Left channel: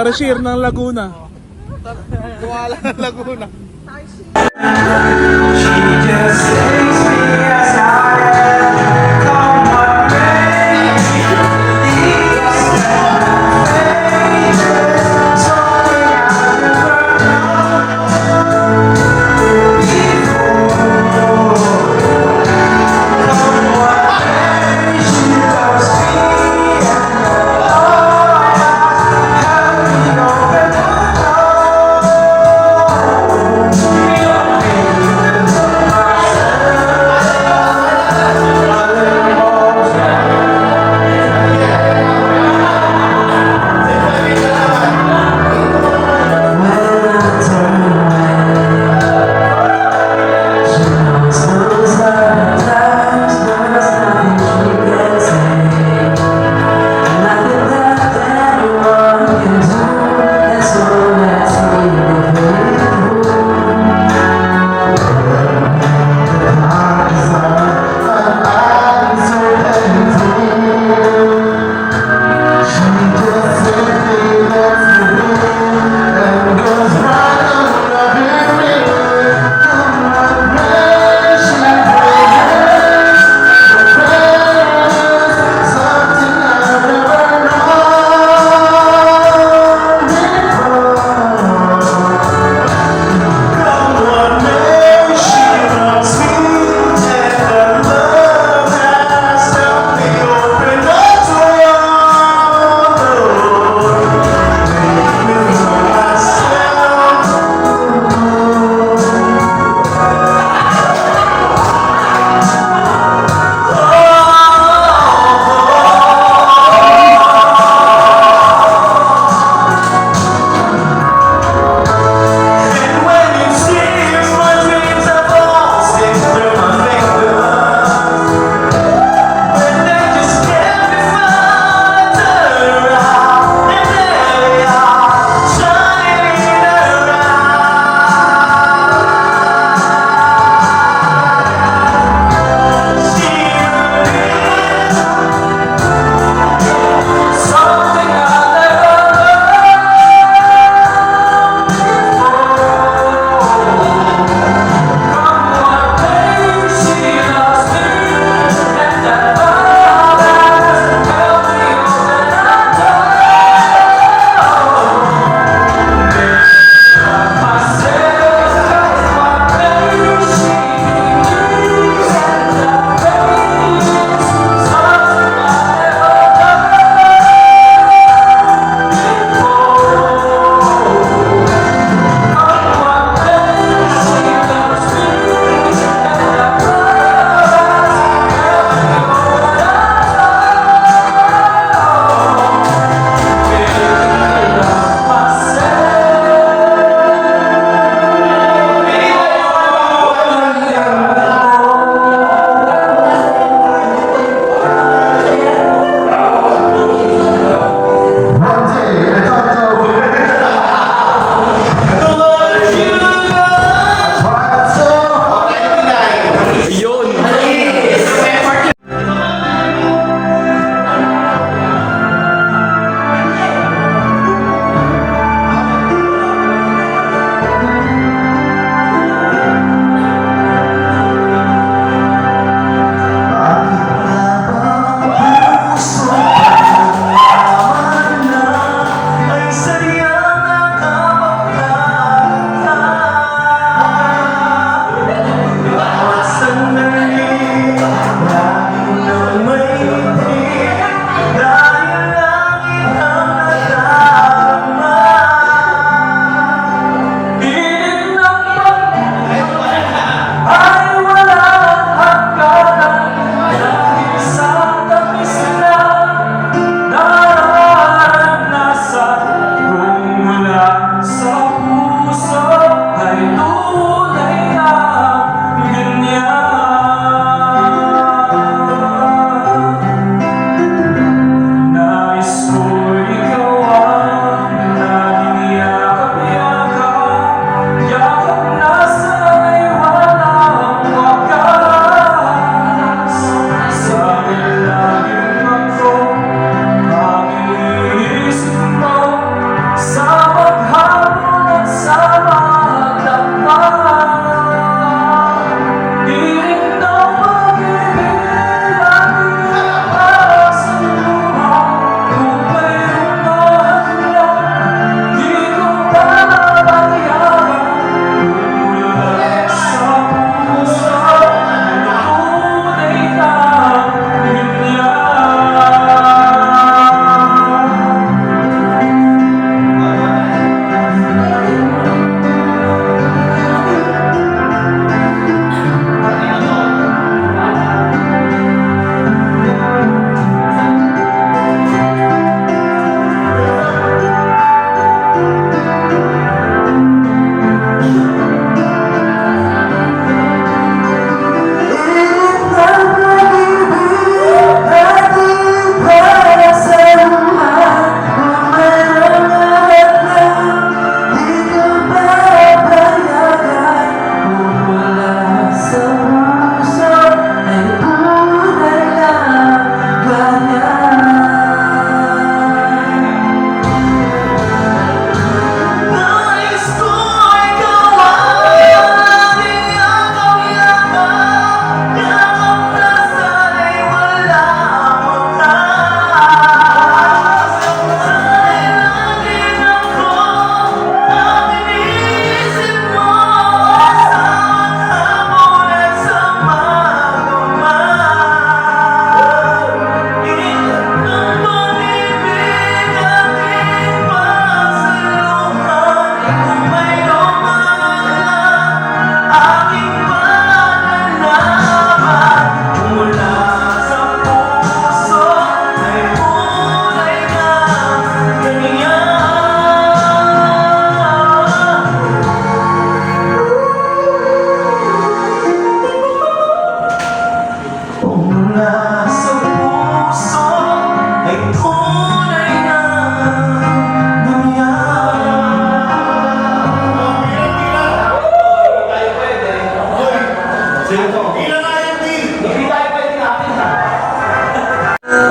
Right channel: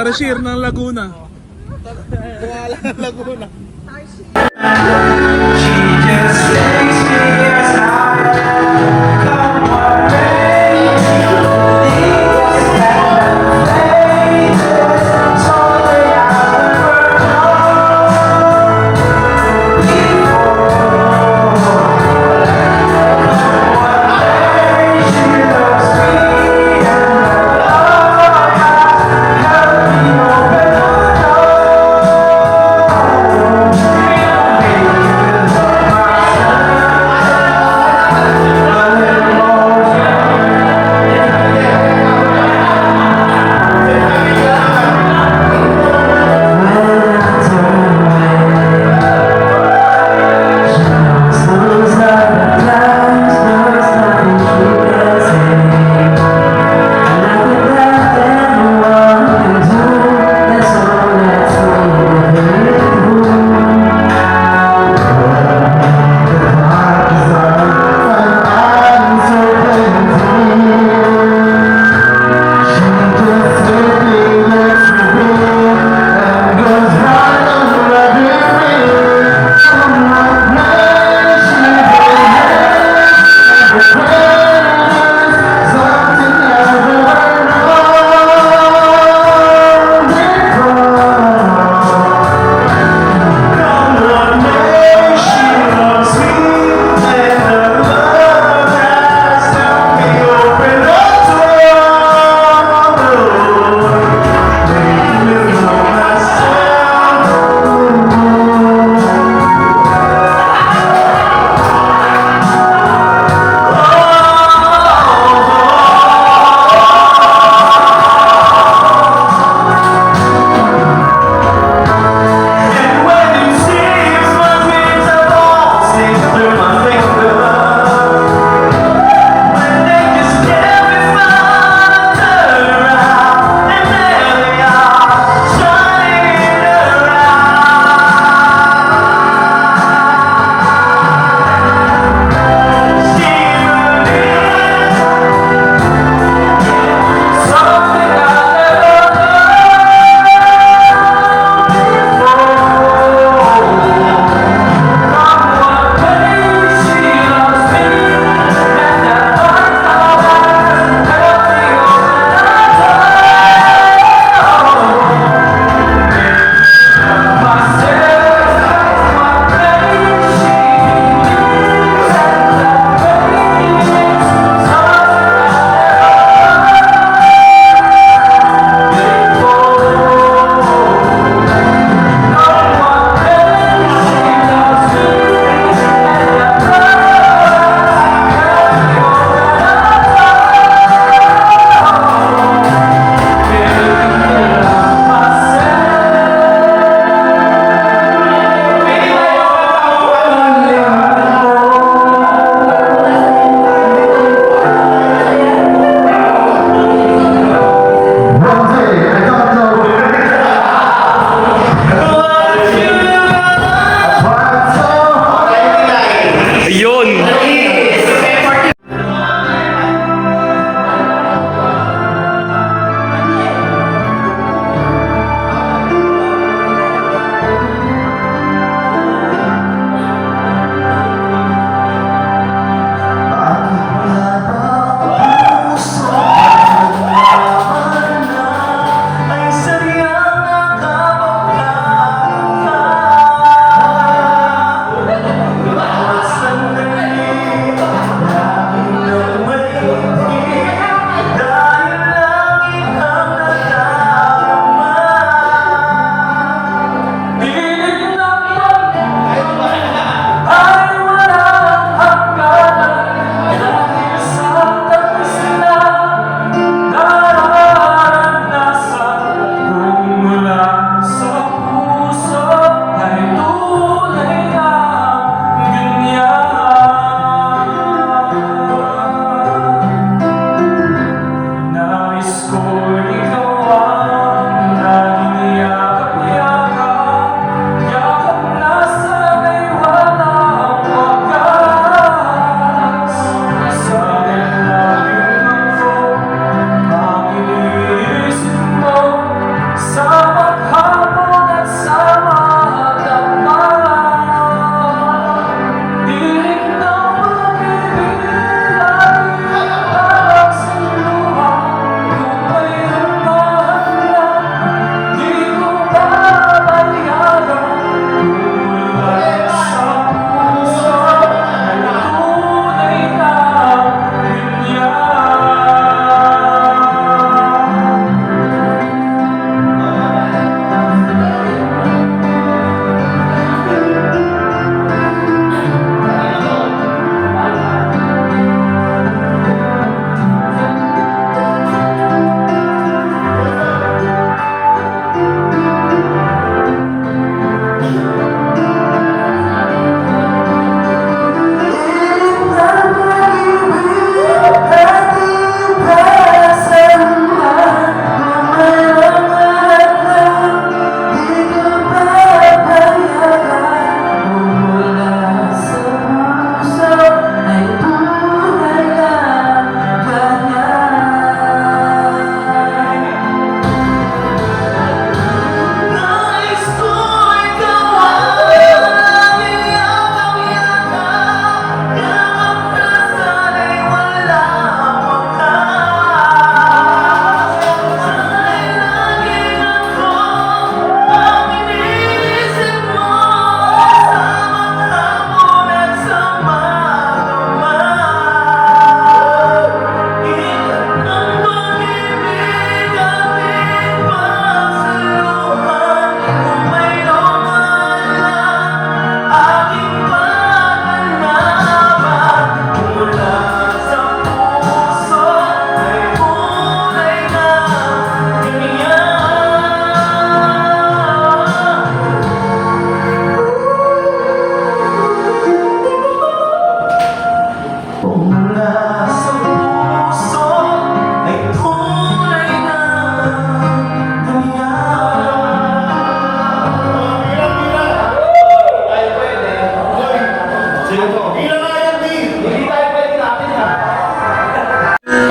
Tarsier ng Laguna. Kuwala ng Laguna.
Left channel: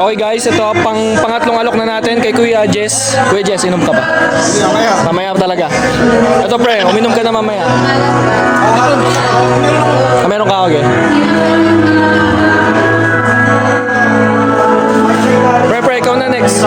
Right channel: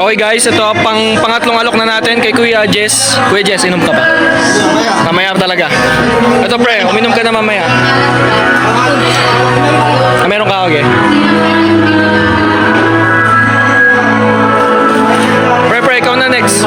Okay guys, ito pangatlong alok na natin kay Kuya Jess. Kuya Jess, inom ka pa? Mamaya talaga. Ito pre, uminom ka na mamaya. Meron ka, okay. Pre, ikaw na next.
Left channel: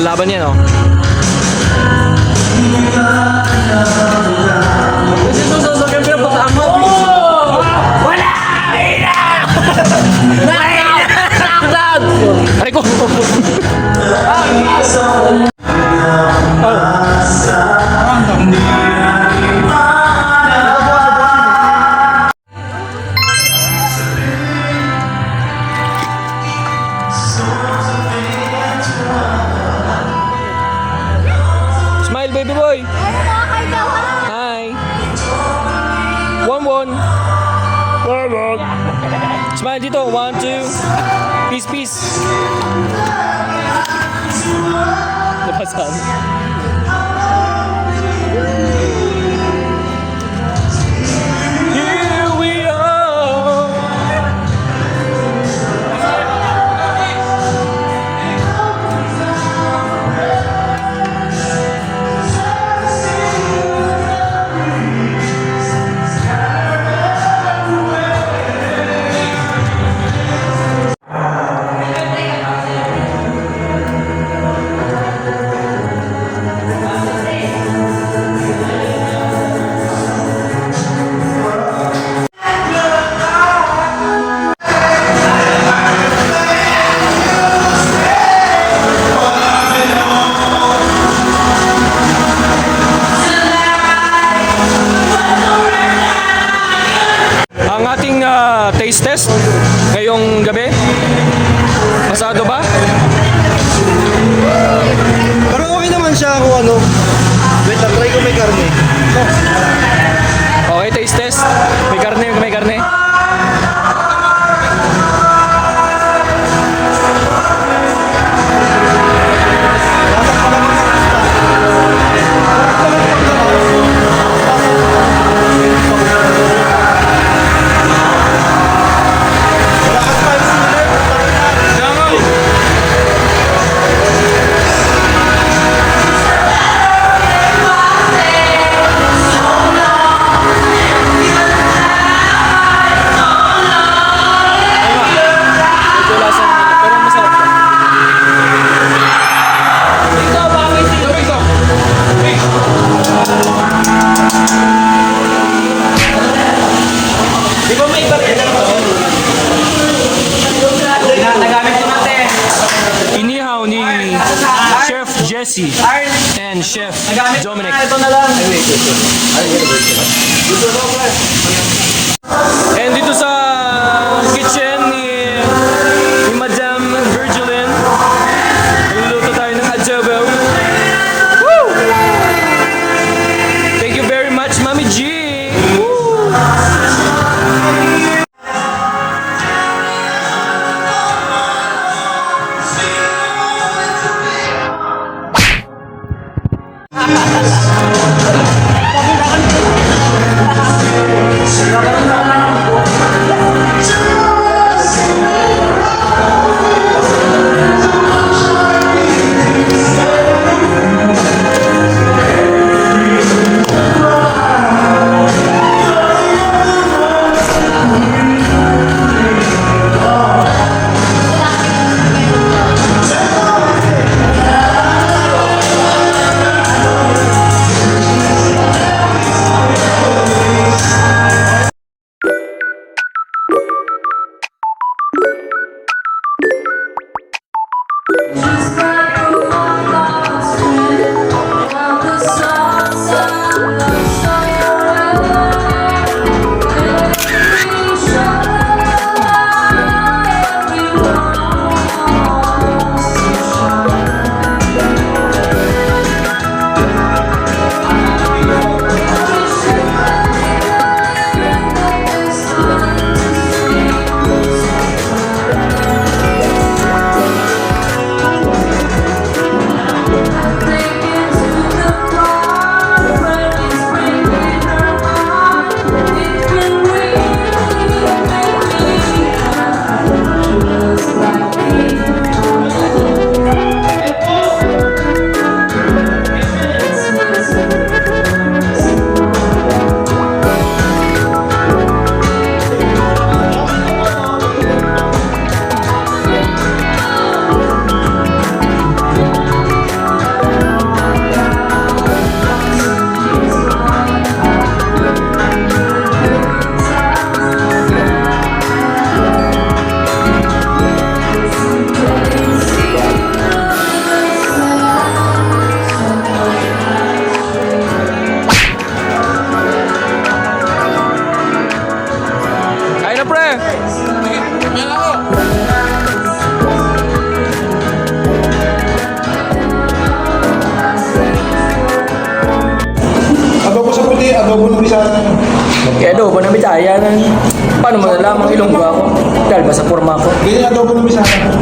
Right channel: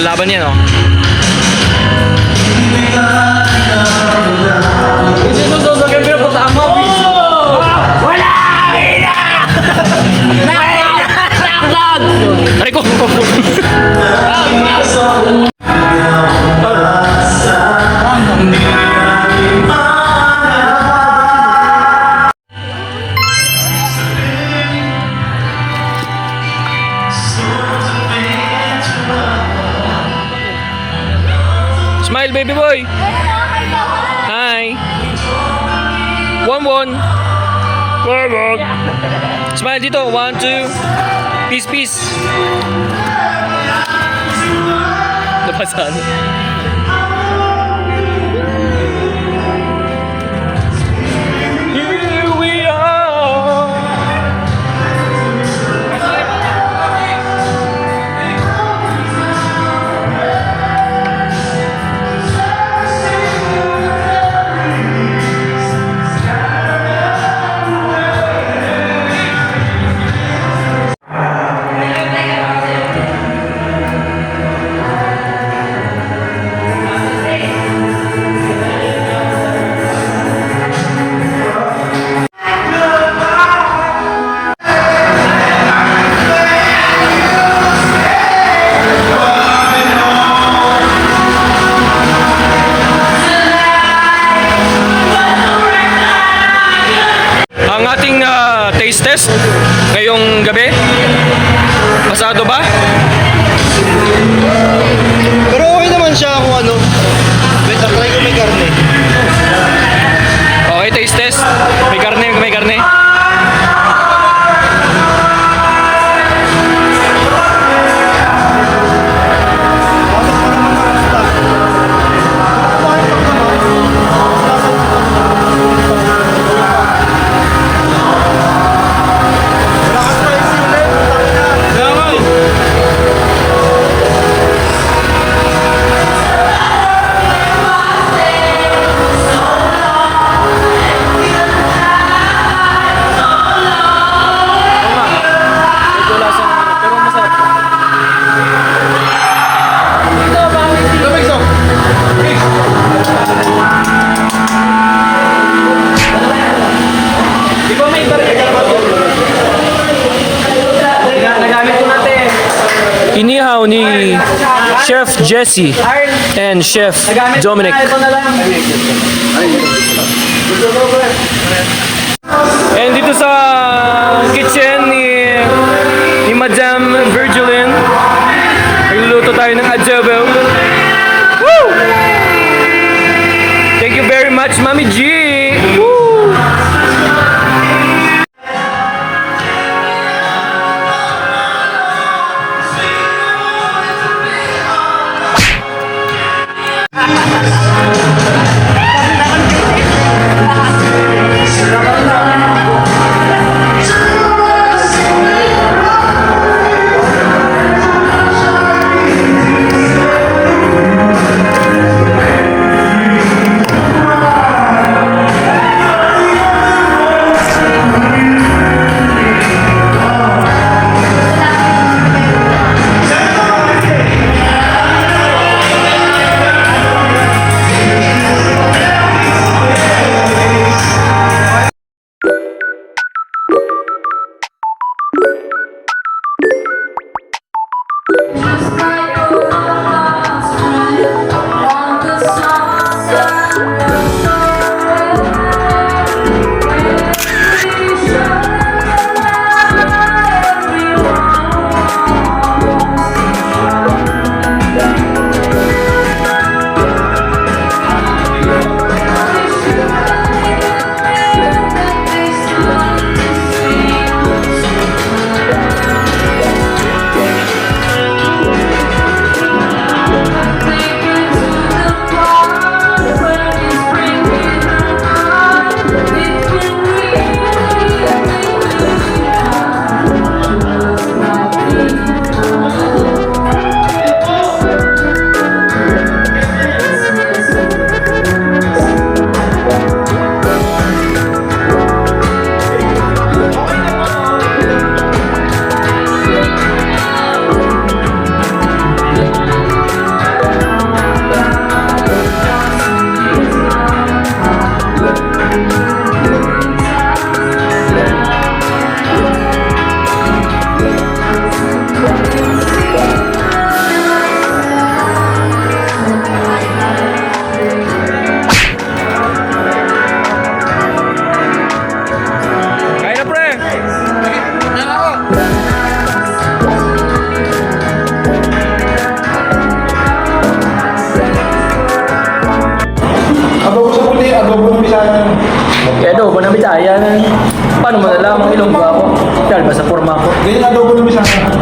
Laban yan, oh. Aray ko! Smile, baby boy! Hi! One. Smile dito. 1, 2. Peace. Napasan. Here we are. Ang ating taste test ngayong gabi. Pasado ba? Pero okay naman siya kung ano. Wait, try ko may karne. Okay, taste test. May karne. Pero masarap siya. Inihaw ni Chef Jesse and Chef Dominic. And dito sa kitchen ni Madam Virgilin, nagluluto tayo ng adobo. Woo! Thank you very much, Mami G! Woo! Kaya adobo na bitaya na. Paano mo nalamang ilonggo ako? Dahil ba sa forma ko? Ganyan adobo ng bisaya.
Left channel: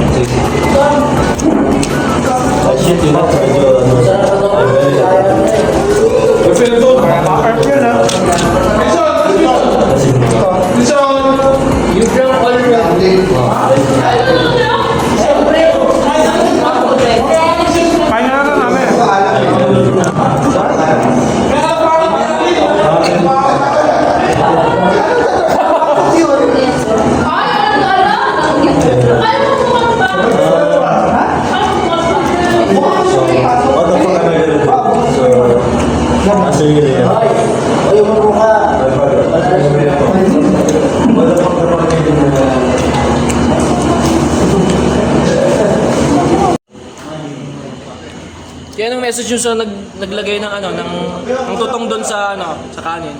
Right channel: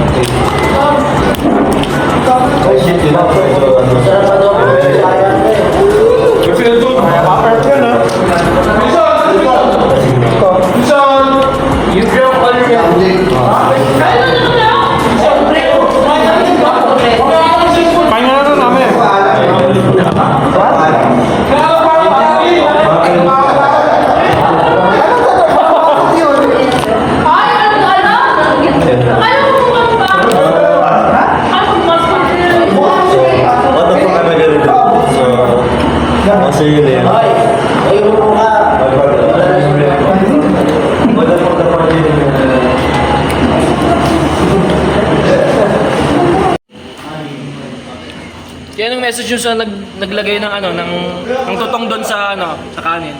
Yan ang message yun sa naglagay ng ano, ng tutong doon sa ano, sa kanin.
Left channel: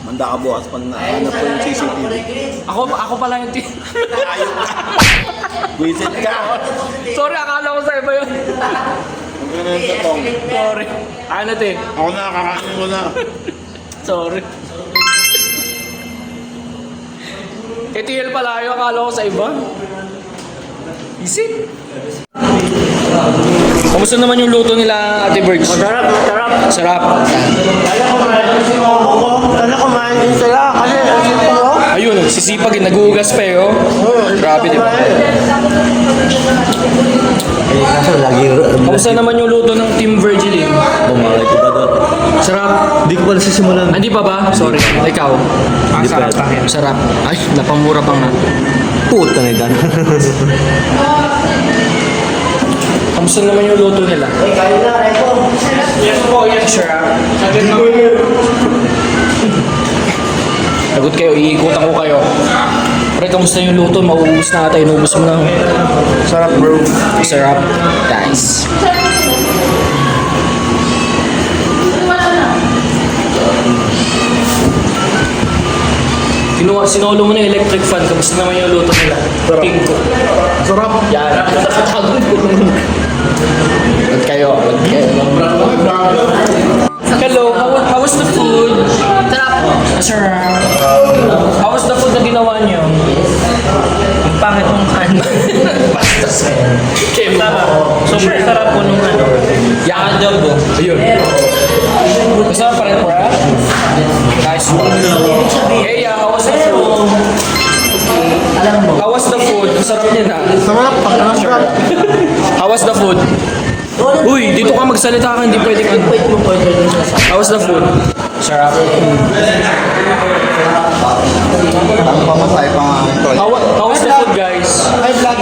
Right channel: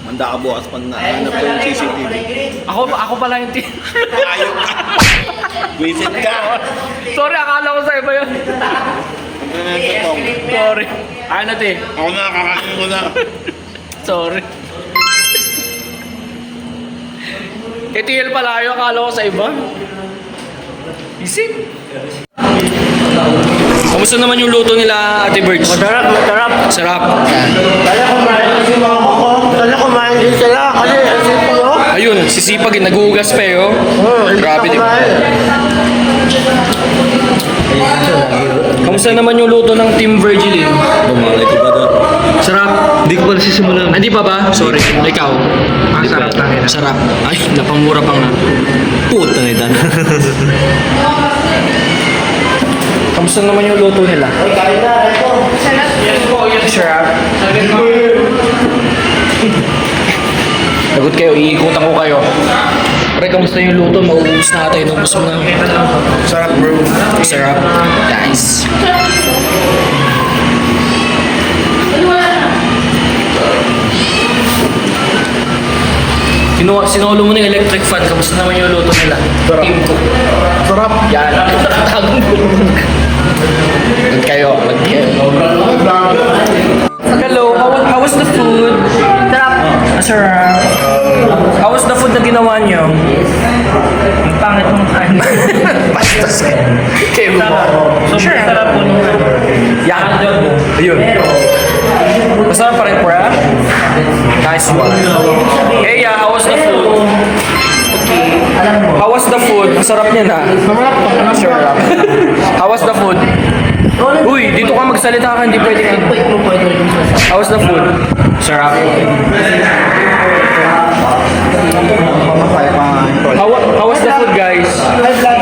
Manda ka bukas pag nahanap ko yung CCTV. Ako pala yung Visit ka! Sorry, akala ko sa iba yun. Ang ganun sa tong. Sorry. Ano te? Ako na, kakain ko na. Sorry. KTL pala yun, akala ko sa iba. Isip. Kamusta naman yung luto nila, Ate Birds? Masarap. Sarap. Yan. Sana kumain din sila kasi ang sipag mo. Ayun, sisipag, nagugas pa eh, oh. Grabe, di ba? Kamusta naman yung luto ng Team Virgilin? Bumalay ko ba doon? Sarap. Hindi ko pala sisimulan. Hindi pa ba? Sorry. Ikaw. Ang sarap tangin. Sarap. Ay, napamura pa nga. Puta na itan. Kamusta naman yung luto nila? Yes po, yes sir. Lagot kayo, iikutan ko kayo. Pre, kamusta yung luto? Mauubos na ata, inubos mo na. Sarap bro. Sarap. Guys. Sinolo mo na yung electric fan, kamusta naman yung luto nila? Sarap. Team ko. Sarap. Yan. Tagong ko. Lag kayo. Hello, how was the food? Sarap. Sarap. How was the food na ginawa niyo? Ang pangit mong kain. Bastos. Sarap. Sobrang sarap po nung ano. Yan. Ayun. Masarap pa rin, pre. Nice one. Hey, how was the food? How was the food? Ang sarap niya na. Sarap. How was the food? Uy, dito ka magsalita ka, hindi pwedeng ano. How was the food? Sarap. Ang pamatay pa nga ito. How was the food, guys? High blood.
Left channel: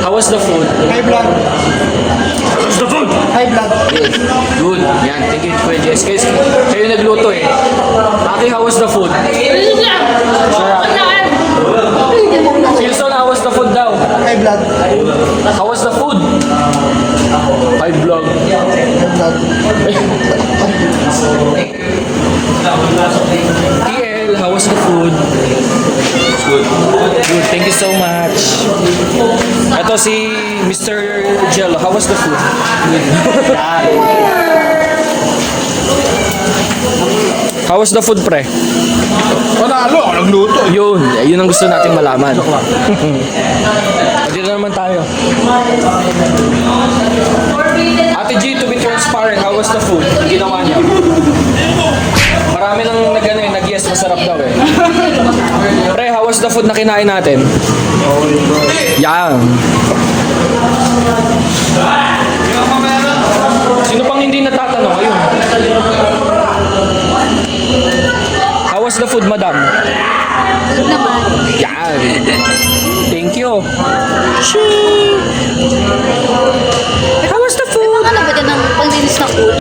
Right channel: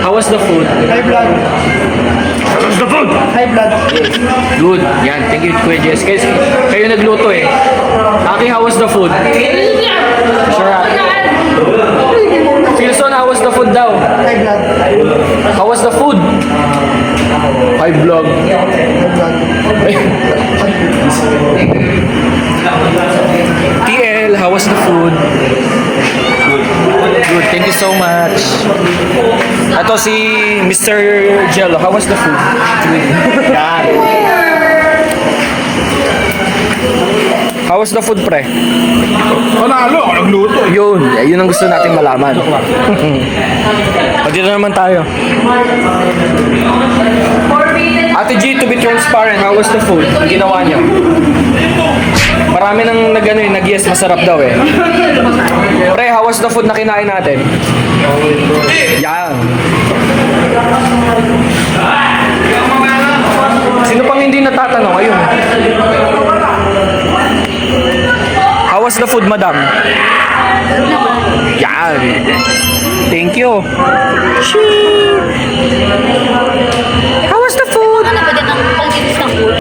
How was the food? High blood. How was the food? High blood. Good. Yan, thank you, Kuya Jess. Guys, kayo nagluto eh. Aki, how was the food? Sarap. Wilson, how was the food daw? High blood. How was the food? High vlog. TL, how was the food? Good. Good, thank you so much. Ito si Mr. Jello, how was the food? Good. How was the food, pre? Panalo ako nagluto. Yun ang gusto natin malaman. Dito naman tayo. Ate G, to be transparent, how was the food? Ang ginawa niya. Marami nang nag-yes, masarap daw eh. Pre, how was the food na kinain natin? Yan. Sino pang hindi natatanong? Ayun. How was the food, madam? Yan. Thank you. How was the food? Ano ba dyan ang pang-dinis ng food?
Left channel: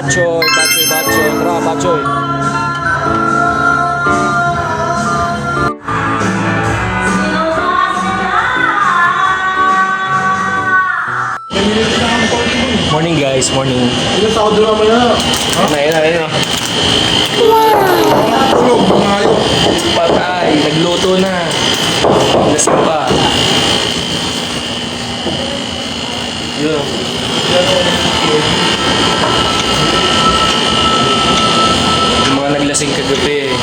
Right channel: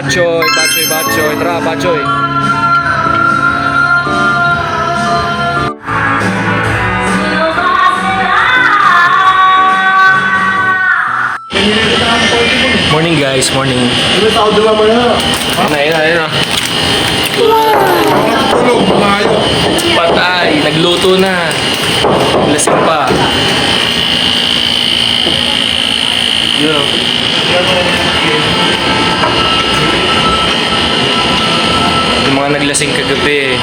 Bachoy, bachoy, bachoy. Tara, bachoy. Morning guys, morning. Ayun na. Tulog, mamayo. Patay, nagluto na. Lasing pa. Yung mga naglasing kagabi.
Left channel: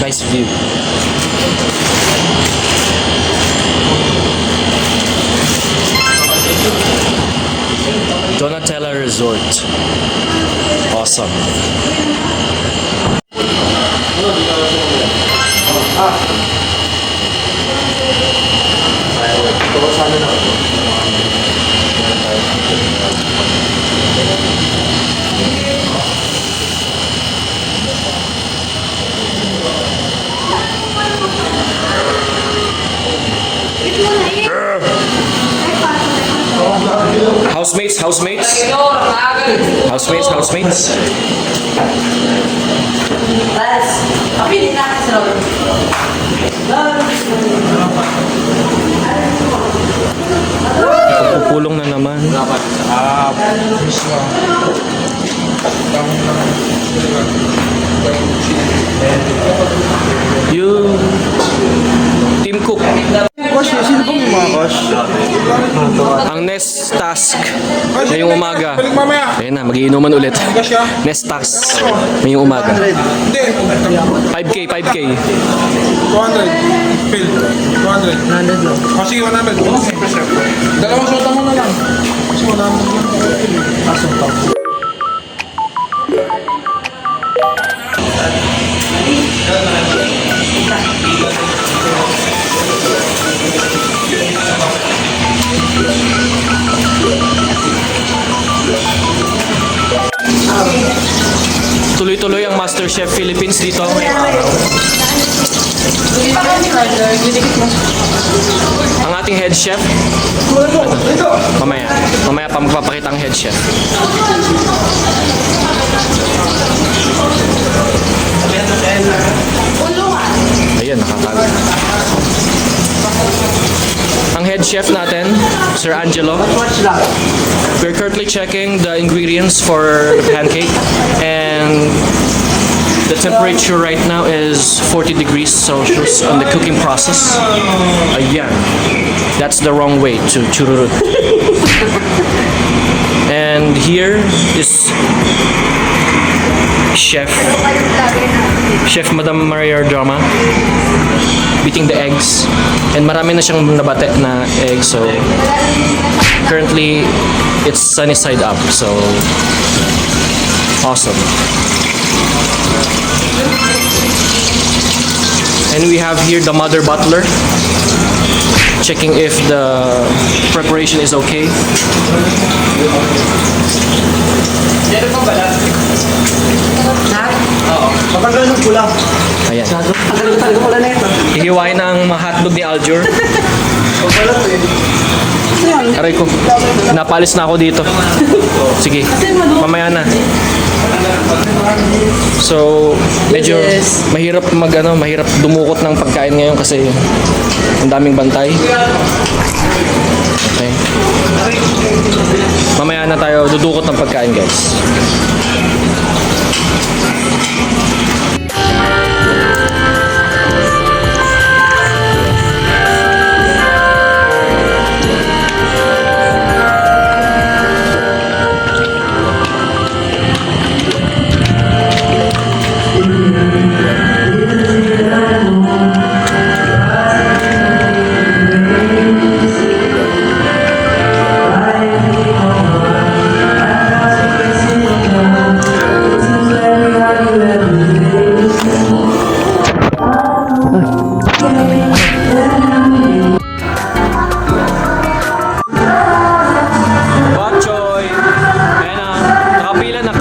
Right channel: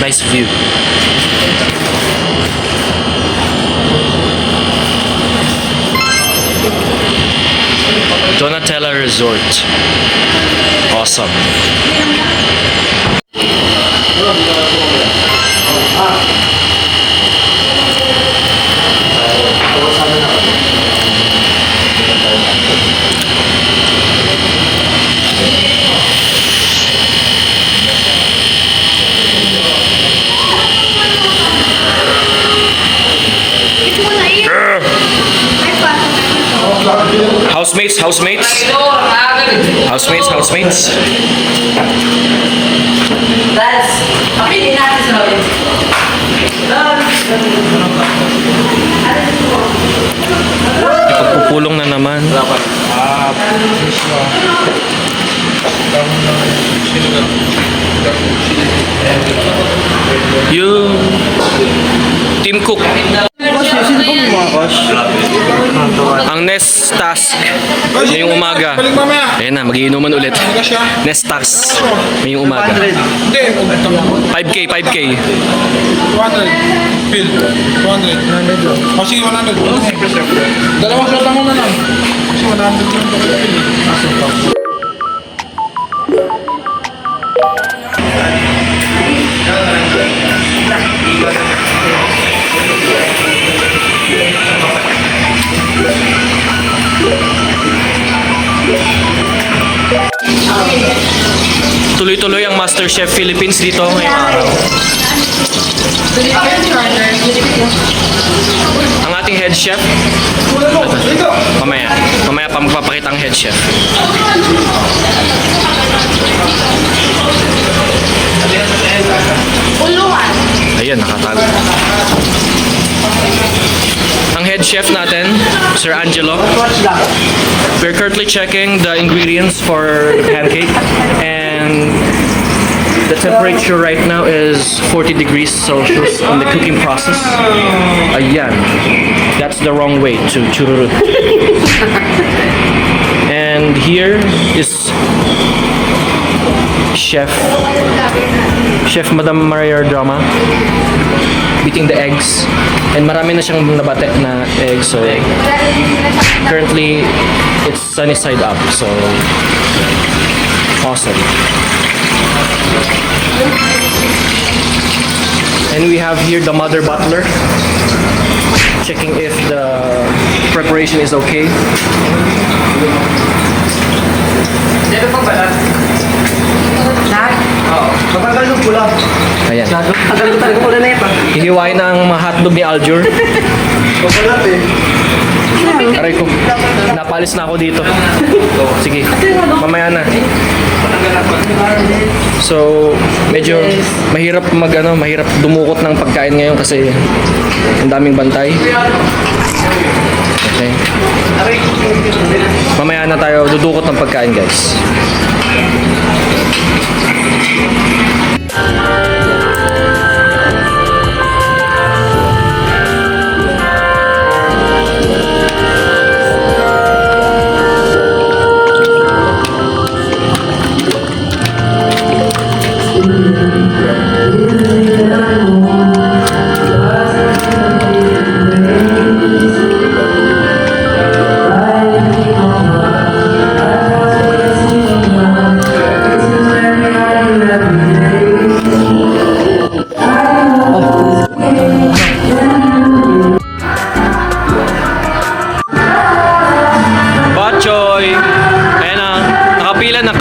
Nice view. Donatella Resort. Awesome. Housemates, housemates. Housemates, housemates. Ipagpupulong na naman. Yung Team Cook. Ang next task ngayong umaga. Balik mamaya. Ayan na, magiinuman ulit. Next task ngayong umaga. Hindi. 5K, 5K. 200. Phil. 200. O sige, 100. Dalawang shot mo na lang. Kasi 100 lang ako. Tuloy-tuloy ang MasterChef Philippines dito. Ang ating head chef. Ito. Mamaya pa magpapakita ang head chef. Ayan, nakatago. Ang head chef natin, Sir Angelo. We're currently checking the ingredients for the pancake, and the temperature right now is 40 degrees Celsius on the cooking process. Ayan. That's the wrong way to chururut. And here is Chef Madam Maria Drama beating the eggs, and marami na siyang nabate na eggs, so currently it's sunny side up, so awesome. And we have here the mother butler checking if the preparation is okay. Ayan. Hihiwain ang mga hotdog ni Aljur. Aray ko. Napalis na ako dito. Sige. Mamaya na. So, medyo mahirap mahirap dumukot ng pagkain ngayon kasi ang daming bantay. Okay. Mamaya na tayo dudukot ng pagkain, guys.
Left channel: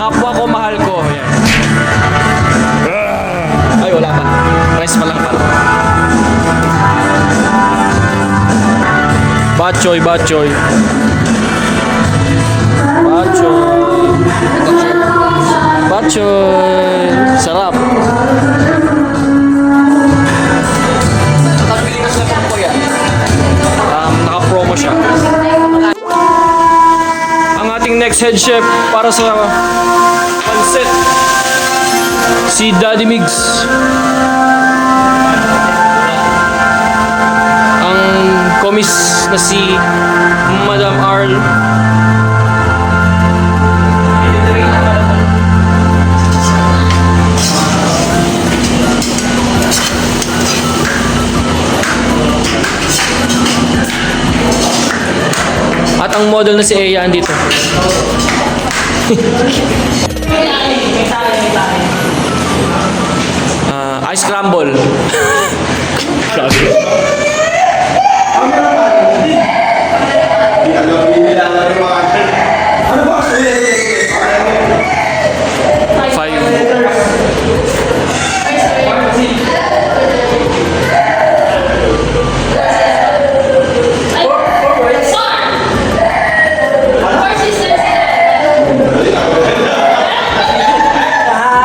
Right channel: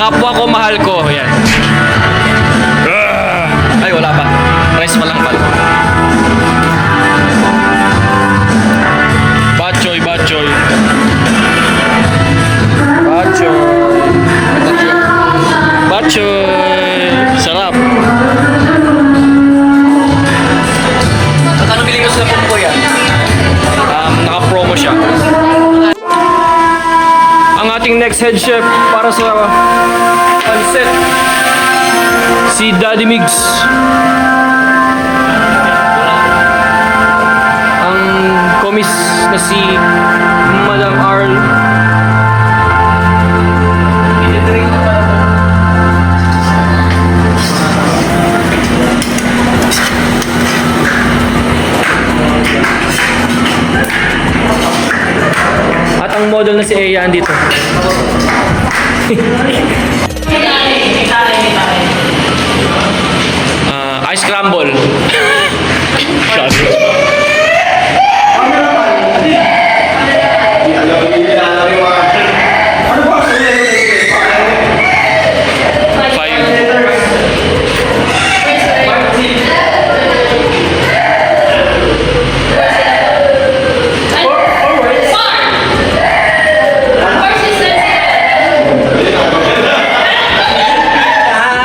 Kapwa ko, mahal ko. Yan. Ay, wala pa. Rice pa lang pala. Bachoy, bachoy. Batchoy. Batchoy. Sarap. Magkano bili mo sa food ko yan? Naka-promo siya. Ang ating next head chef para sa pancit, si Daddy Migs. Ang komis na si Madam Arl. At ang model na si Eya andito. Ice crumble.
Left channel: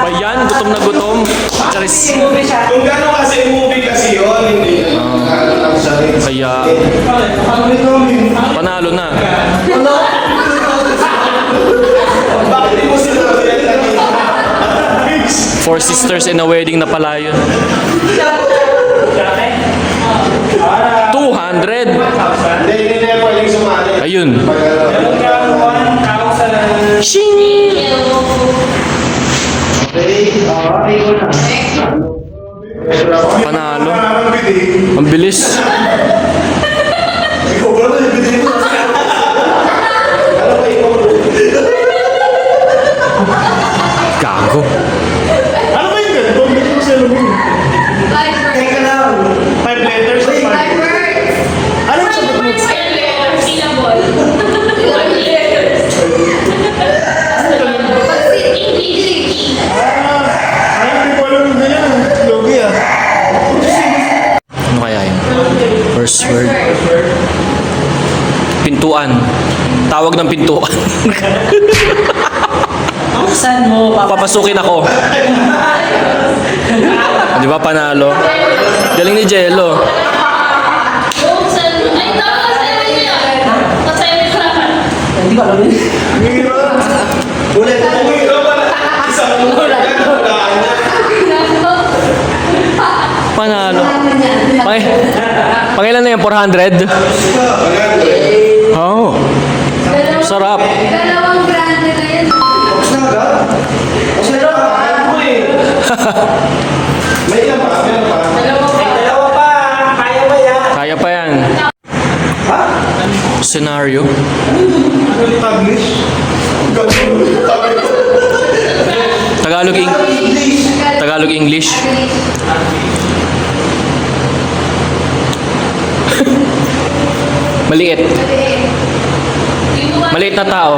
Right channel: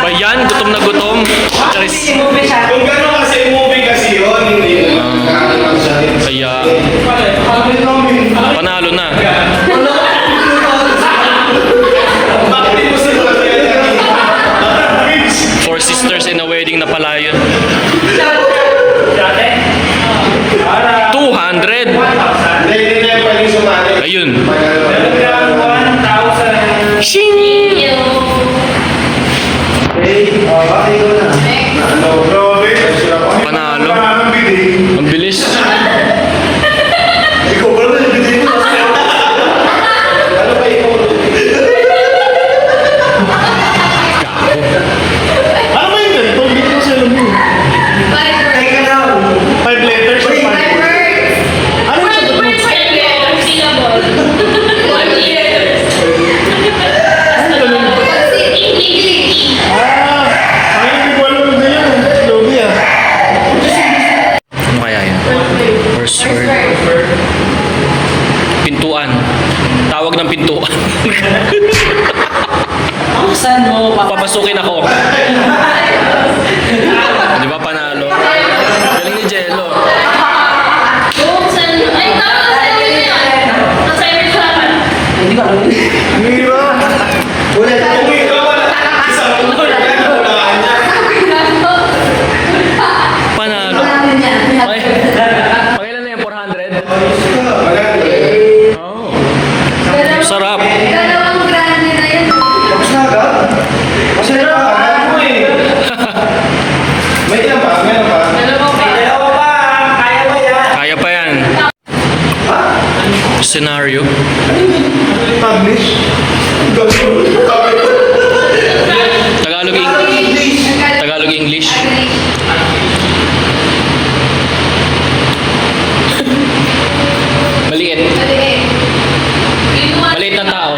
Bayan, gutom na gutom. Charis. Kung gano'n kasi movie kasi yun, hindi Kaya, panalo na. bakit mo sila Four sisters in a wedding na pala yun. 200. Hindi na pwedeng sumali. Ayun. Panalo. Ang bilis. Ikaw ba naman yung bidin mo? Gago. Ano ba yun? Pag-bigyan mo sa alam mo. Teka lang. 5 letters. Ano yung sagot mo? Ay, hindi ko alam na yan. Yogi ah. Ano kaya yun? First word. Pintuan. Tawag ng pintuan. Buksan mo, Papasukin ako. Di ba panalo? Galing ni Jello. hindi ko alam yun. Ulit. Umiro pa na. Isang word. Hulaan niya. Panalo. Pangilan na yan? 400? Oh. Sarap. Dalawang grande na yan. Tapos na agad? Masaya ka. Alam mo eh. May ilan pa? Meron pa? Dalawa pa. Kaya ba yan? Kaya pa yan. Scenario. Ano yung Taglish? Tagalog, Tagalog English. Maliit. Maliit na tao.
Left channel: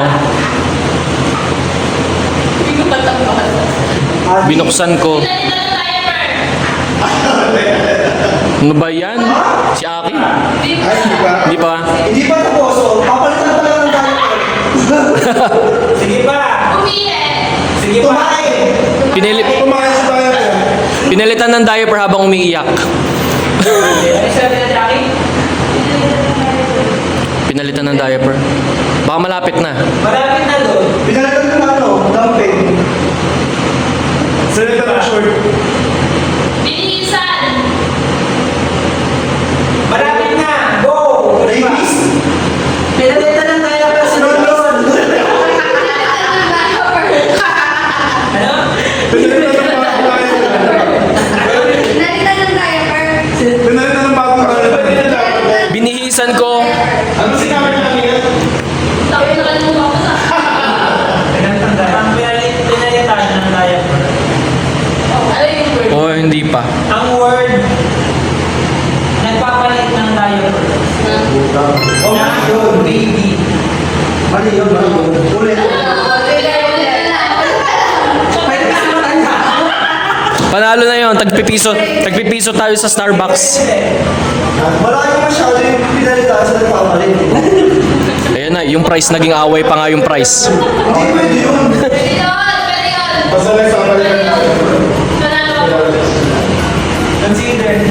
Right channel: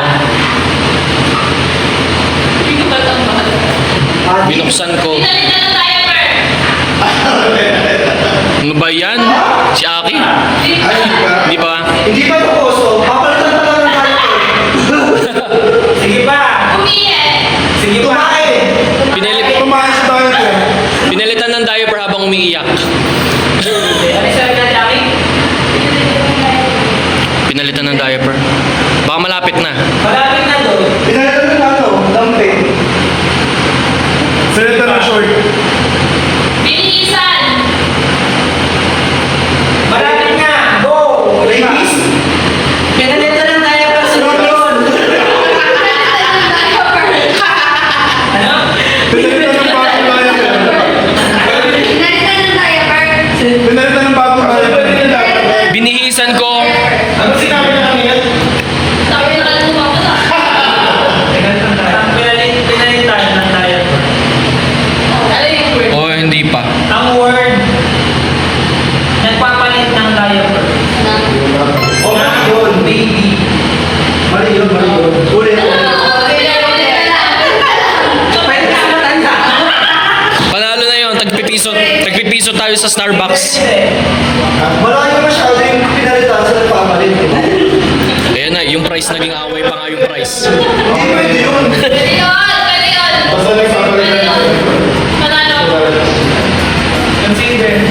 Binuksan ko. Ano ba yan? Si Aki? Ay, Hindi hindi ba? pa? Hindi pa tapos. Oh. Papalitan pa lang ng diaper. Sige pa. Sige pa. Kumain sa diaper. Pinalitan ng diaper habang umiiyak. Pinalitan ng diaper. Baka malapit na. Pinalitan ng ano? Dumping. Pinalitan ng short. Malapit na! Go! Ladies! Pinalitan ng diaper sa yun! Pinalitan ng bagong diaper. Binihisan ko. Ano sinabi na kanina? Pinalitan ng diaper. O hindi pa. Ang word, nagpapalit ng diaper. O nga yun, baby. Mali yun, mali yun. Ulit. Panalo na yun. Tagpipiso. Tagpipiso tayo sa Starbucks. Malayo masyado yung pinalitan sa nagpapalit. Ayan na. Yung price naging away pa nga yung price. Pwede yun, pwede yun. Basta nagsabalitan natin. Panalo. Consider.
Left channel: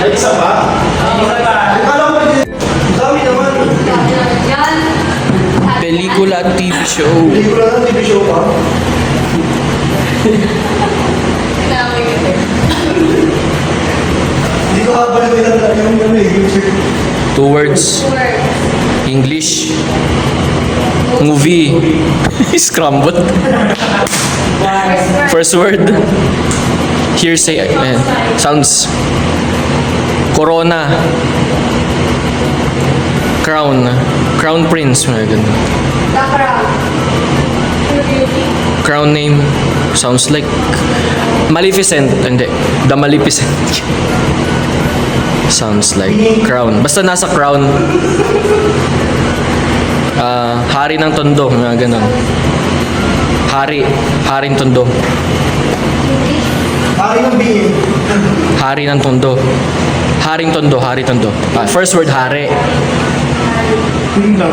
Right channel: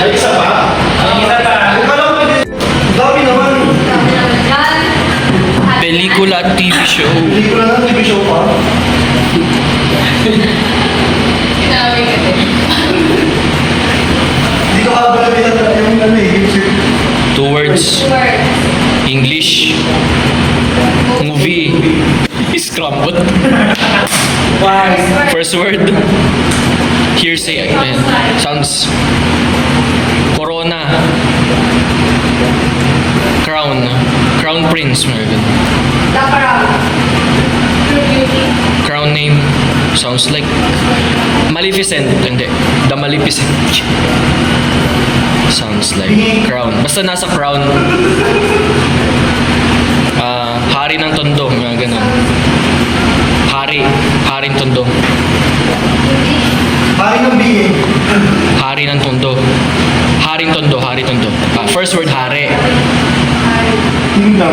Ay, isa pa? Isa pa. Akala ko pwede. Dami naman. Dami naman yan. Pelikula at TV show. Hindi ko lang TV show pa. Kinaway ka din. Hindi ko kabalitan yung ano eh. Two words. Word. English. Movie. Scrambled. First word. Hearsay. Sounds. Corona. Crown. Crown Prince. Mga ganun. The Crown. True Beauty. Crown name. Sounds like Maleficent. Hindi. The Maleficent. Sounds like crown. Basta nasa crown. Hari ng Tondo. Mga ganun. Haring Tondo. Pari ng BA. Hari ng Tondo. Haring Tondo. Hari Tondo. First word, hari. Kingdom.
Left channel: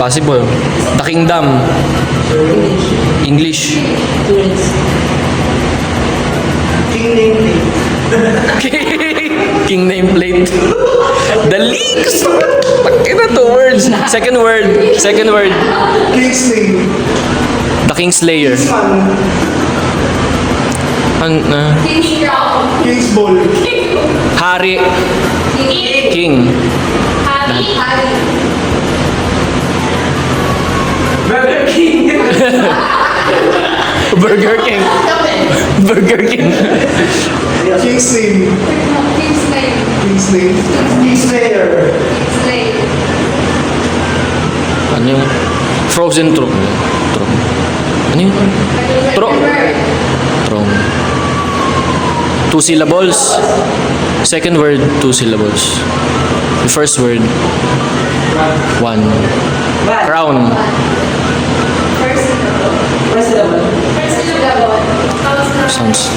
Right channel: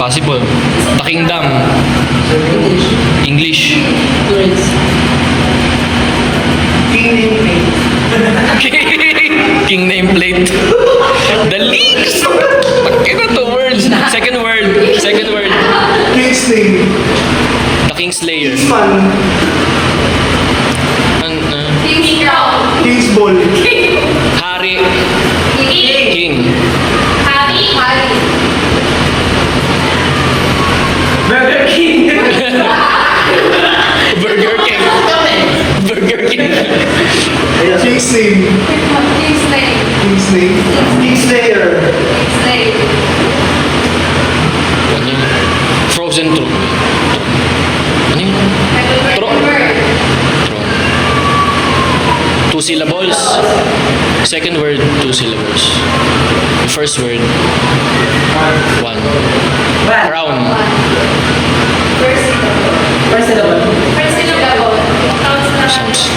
Possible. The Kingdom. English. King name plate. King nameplate. The leaks. Kaya two words. Second word. King's name. The Kingslayer. Kingsman. King's Crown. King's ball. Hari. King. King. Harry. Burger King. Burger King. Burger King. King's name. King's name. King's name. Kingslayer. King's name. Ano yun? Frozen Throne. Ano yun? Second word. Throne. Two syllables. Second word, two syllables. The first word, one. Crown. First syllable. First syllable. First syllable. Sounds.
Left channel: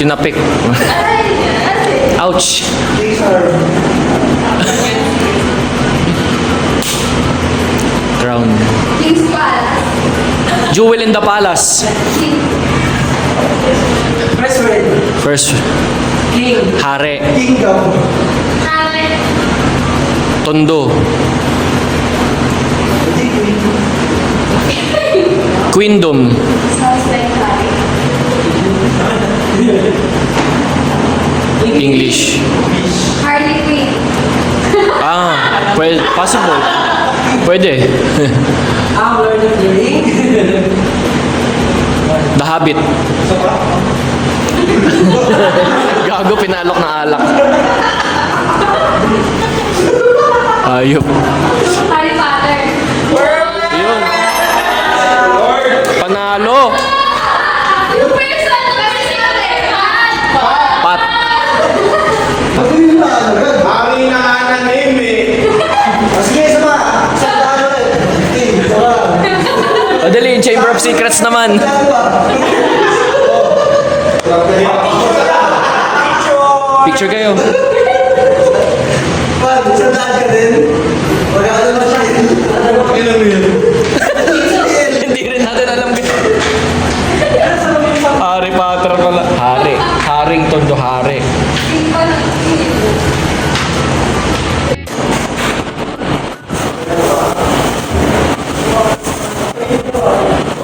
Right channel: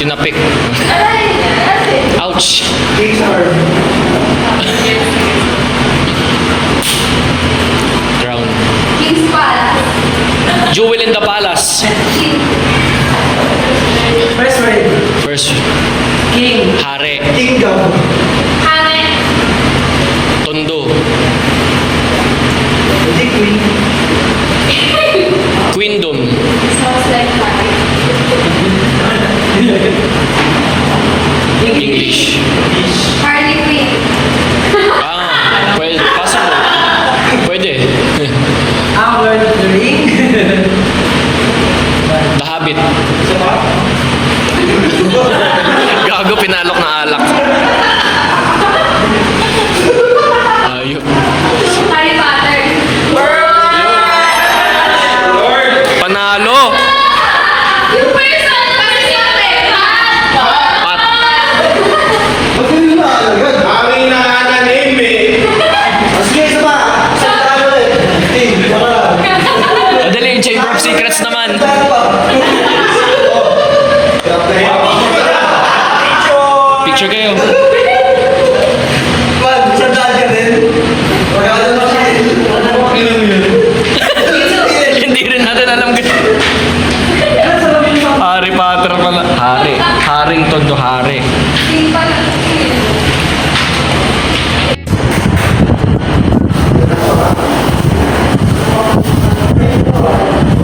Tinapik. Aray! Aray! Ouch. King's arm. Crown. King's Palace. Jewel in the Palace. King. First word. First, King. Hare. Kingdom. Hangin. Tondo. Hindi queen. Queendom. Smells like fire. English. Harley Quinn. Well, possible. Pwede. Our drink. The Habit. Gago, pinalok na alak. Ayop. Harry Potter. Panalo. Yung person kasi sinabi. Pat. Ba't hindi na alagad? Hari na nga na name eh. Sige, isa pa. Isa pa ulit. King. Saka. Madali yung Chamber of Secrets naman. Isa pa. Picture kayo. Man, sandaan ka din. Magkakala mo siya. Ilan mo yun? Hindi rin natin alam Harry Potter pala. Haring Tondo, Hari. King pala.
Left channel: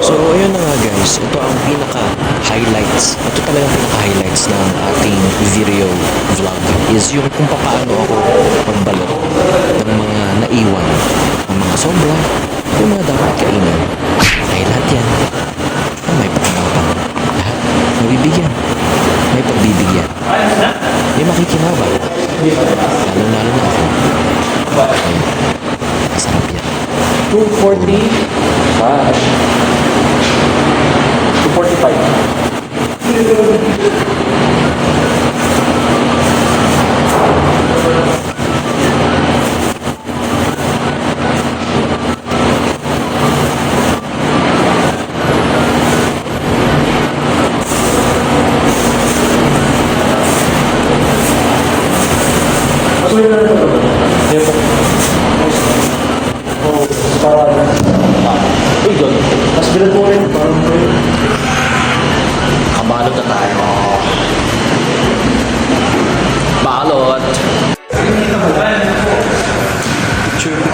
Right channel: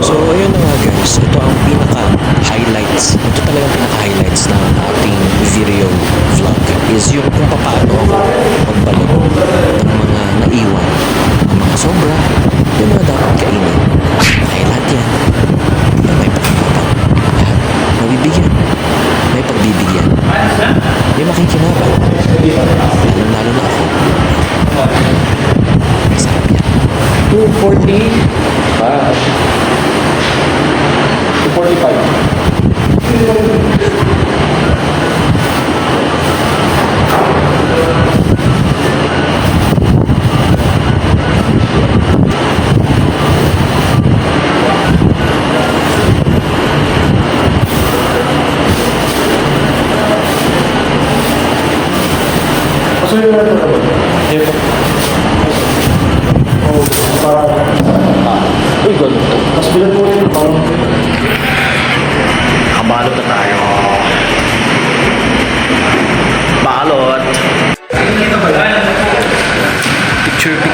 So, ayun na nga guys. Ito ang pinaka-highlights. Ito talagang pinaka-highlights ng ating video vlog is yung kung paano ako magbalot ng mga naiwan, ng mga sobra, yung mga dapat kainin. Dahil lahat yan ay may pakinabang. Lahat mabibigyan. May pagbibigyan. May makikinabang. Lalo-lalo na ako. Masarap yan. 245.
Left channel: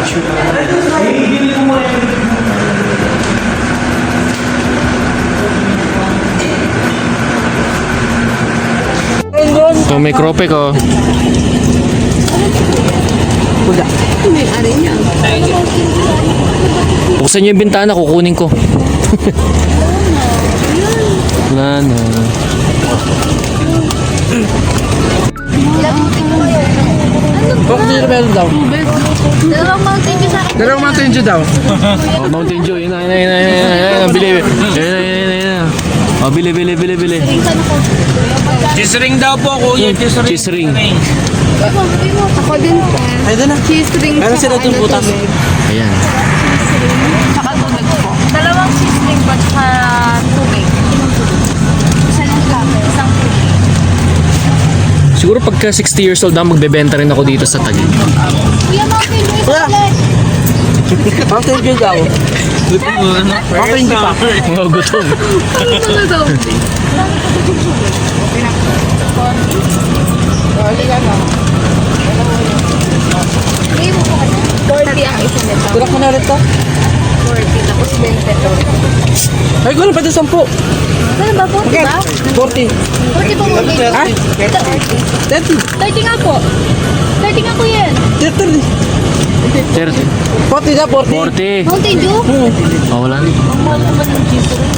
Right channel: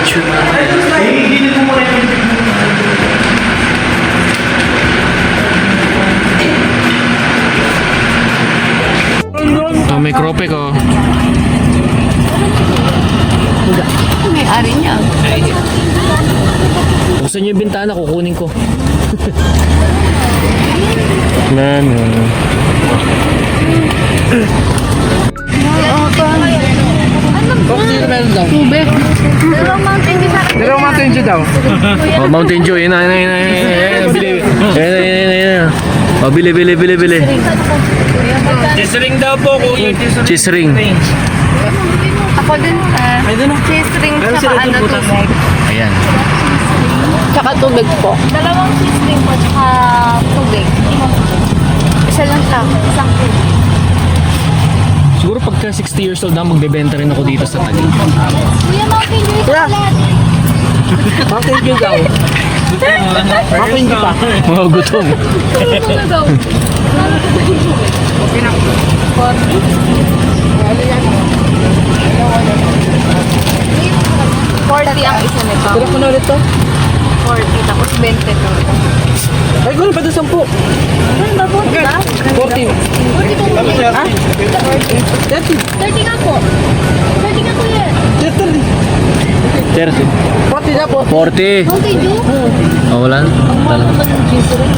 picture. Hindi ko muna yung Oh, may kropek oh. May-ari niya. Buksan niyo yung bintana, kukunin ko. Na. Bakit hindi naman daw? Dalawang mountain view sa akin. Dalawang Mountain Dew daw. Oh, Mountain Dew. Yun na. Bili. Yan. Oh, bili. Cheese ring daw po, kuya. Cheese ring. Ako din. Cheese ring tsaka tubig. Ayan. Tsaka tubig po. Dalawang cheese ring po tsaka tubig. Isa lang siya. Isang tubig. Siguro pagka 60 years old na, magbebenta rin ako dito sa Taguig. Kuya, mountain view sa ulit. Mountain Dew daw. Mountain Dew pa. Mga gutom. Forty ang isa nito. Tulak mo na ulit to. 40 tapos 20 to. Ay, gano'n pa ito 10. Ano ba po? Diba? 40. 40 po mo. Ah? 30 30. nga po. 30 nga po yan. 30. 30. 40 na, 40. 40. Mountain Dew? Oh, wala na. Ang mahal naman ng cheese ring.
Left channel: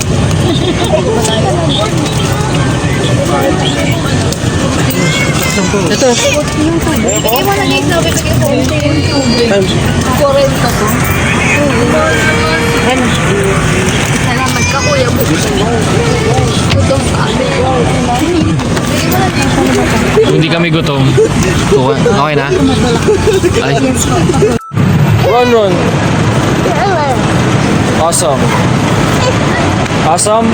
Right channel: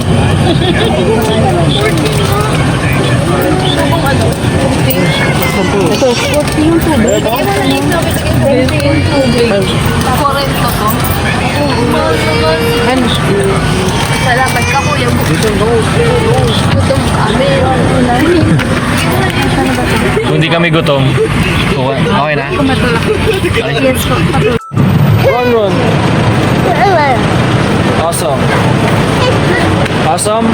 Ito. 40 yung tubig. Bigay mo na lang yung tubig. Bigay mo yung tubig. 40 po. Mahal naman. Ano? Salamat ka kuya. Gutom kami. Kung hindi kami gutom, okay na? Ay. Run. Awesome. Awesome.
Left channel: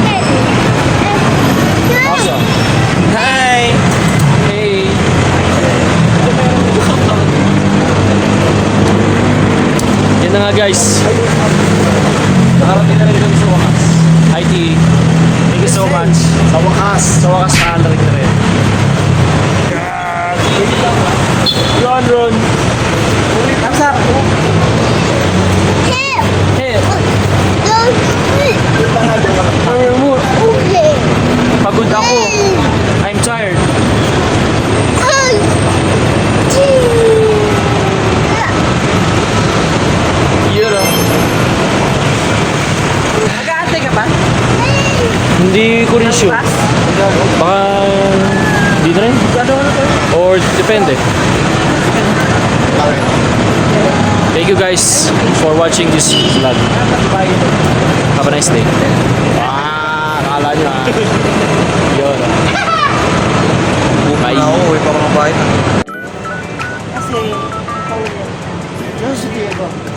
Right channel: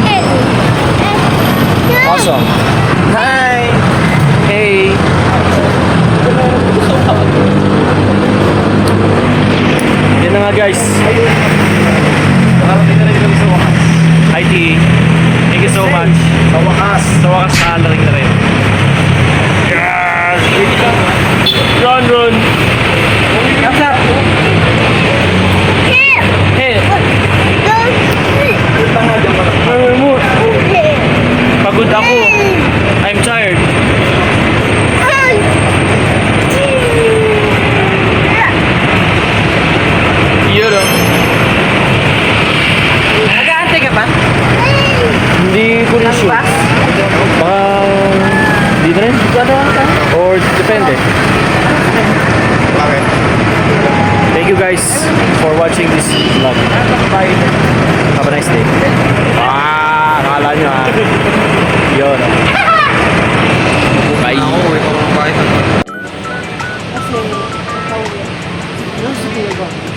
Hi. Hey. Yan na nga guys. Nakarating na rin kami sa wakas. IT. Thank you so much. Sa wakas nakarating na rin. Run. What's up? Hey. Pagod ako. I'm tired. Yun o. Nag-aantay ka pa? Hindi ko rin sure. Baka hindi na rin. Or depende. Thank you guys for watching this vlog. Have a nice day. Akala nyo Yun. Bye. Kasi, pauwi. Ano si Kuya ba?